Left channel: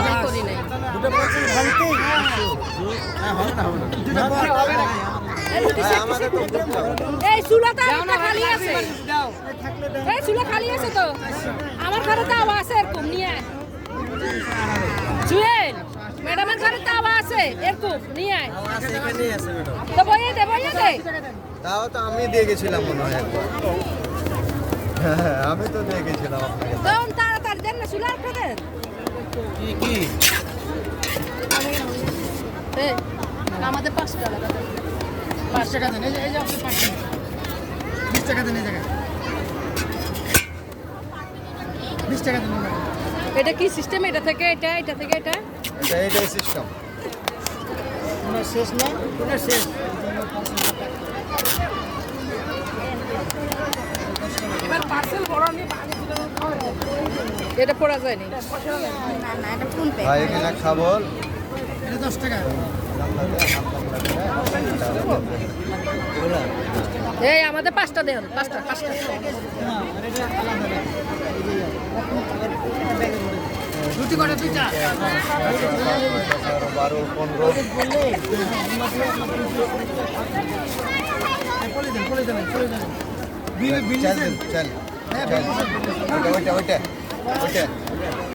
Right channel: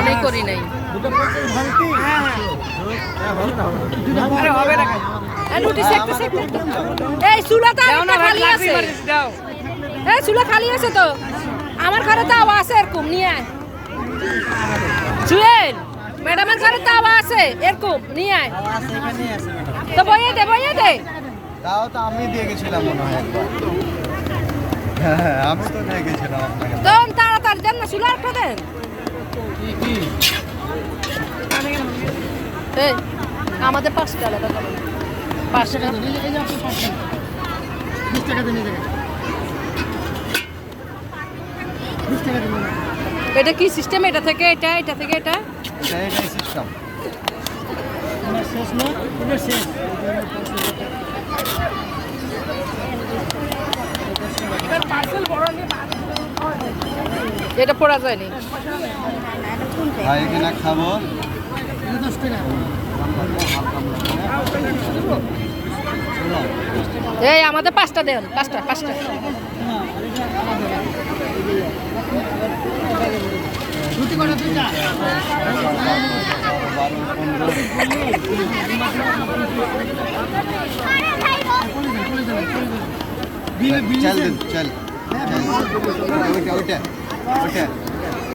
অনেক করি নাই। এই চুলাটা খালি আছে, এই চুলা খালি আছে তো, আমার ঘরে তো আওয়া আছে এরকম নিয়ে আয়। জুয়েল ম্যাডামের ঘরে তো আওয়া আছে এরকম নিয়ে আয়। তো বইয়ে দে তাও তো আমি দিয়ে গেছিলাম মনে হয় একবার। আমি তো দিয়ে গেছিলাম আপনাকে। তখন তাড়াতাড়ি দেন না, চুলা একটা দেন। এই আমাদের 5 টাকা দাও, 5 টাকা দেন। এই যে 20 টাকা দেন, এই জায়গায় 20 টাকা দেন। এটা কি সিস্টেম? এটা থেকে এটা, এটা থেকে এটা, এটাই সিস্টেম। তোমার শেষ না, তোমার শেষ। এটা পড়া যায়নি। ভাই এখানে খাবো 10 টাকা। এই আমাদের 5টা দেন, 5টা। চল ওইটা